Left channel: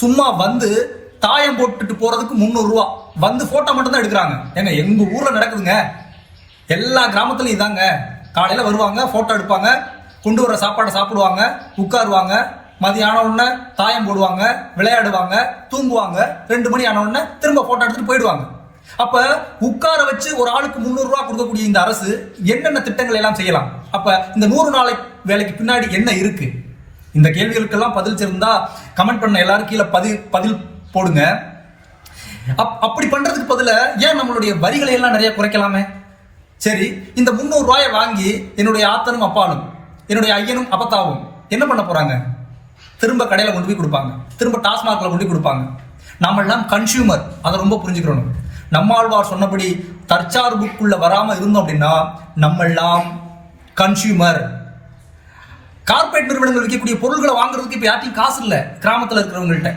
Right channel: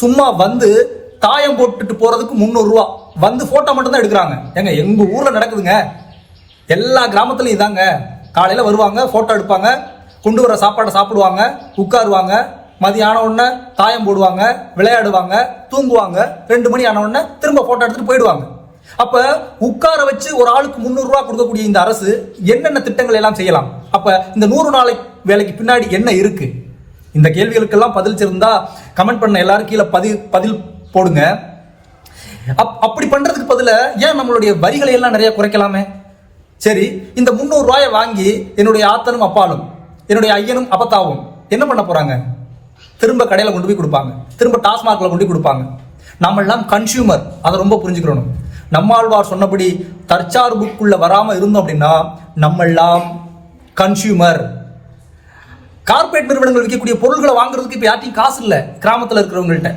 சும்மா வந்து தாயம் போட்டுட்டு போறதுக்கு 300 ரூபா, வந்து போட்டோ மட்டும் தான் எடுக்கிறாங்க. ஏங்க எங்க ஊர்ல நடக்குதுங்க, எல்லா கிராமத்துலயும் இதாங்க. காலையில வருவாங்க, போட்டோ எடுப்பாங்க, கொண்டு வர சாப்பாடை சாப்பிடுவாங்க, உட்காருவாங்க, மதியம் உடனே தாயம் போடுவாங்க, விளையாடுவாங்க, தூங்குவாங்க, 2 மணி ஆன உடனே திரும்ப போட்டோ எடுத்துட்டு போயிடுவாங்க. அப்ப உட்கார வச்சு ஒரு ஆளுக்கு 300 ரூபாய் கொடுக்கக்கூடிய இந்த அரசு என்னென்ன திட்டங்கள் எல்லாம் செய்யலாம்? அப்ப இந்த 100 நாளை வேலைக்கு பின்னாடி என்ன இருக்கு? இந்த கேள்விகளுக்கெல்லாம் பதில் இருந்தா கமெண்ட் பண்ண எல்லாரும் கீழே பதில் போடுங்க. அப்படி பண்றதுக்கு பதில ஏன் நம்மளுடைய வரிகளை எல்லாம் நிறைய குறைக்கலாமே? சரி, இந்த 300 ரூபாயை வாங்கி என்னுடைய ஆத்தனும் அப்பாலும் என்னுடைய ஐயனும் அப்பத்தாவும் என்ன பண்ண போறாங்க? திரும்ப கடையில கொண்டு போய் கொடுப்பாங்க, திரும்ப டாஸ்மாக்ல கொண்டு போய் கொடுப்பாங்க. நாம எல்லாம் கன்சியூமர், அதை ரொம்ப புரிஞ்சுக்கணும். நம்மாழ்வார் சொன்னபடி தற்சார்புக்குள்ள வராம இருந்தோம் அப்படின்னா நம்ம எல்லாம் கன்சியூமர். கார்பரேட் நிறுவனங்கள் விற்கக்கூடிய பொருட்களை வாங்குறதுக்கு இப்ப யார்ட்டையும் காசு இல்ல கிராமத்துல இருக்கிறவங்கள்ட்ட.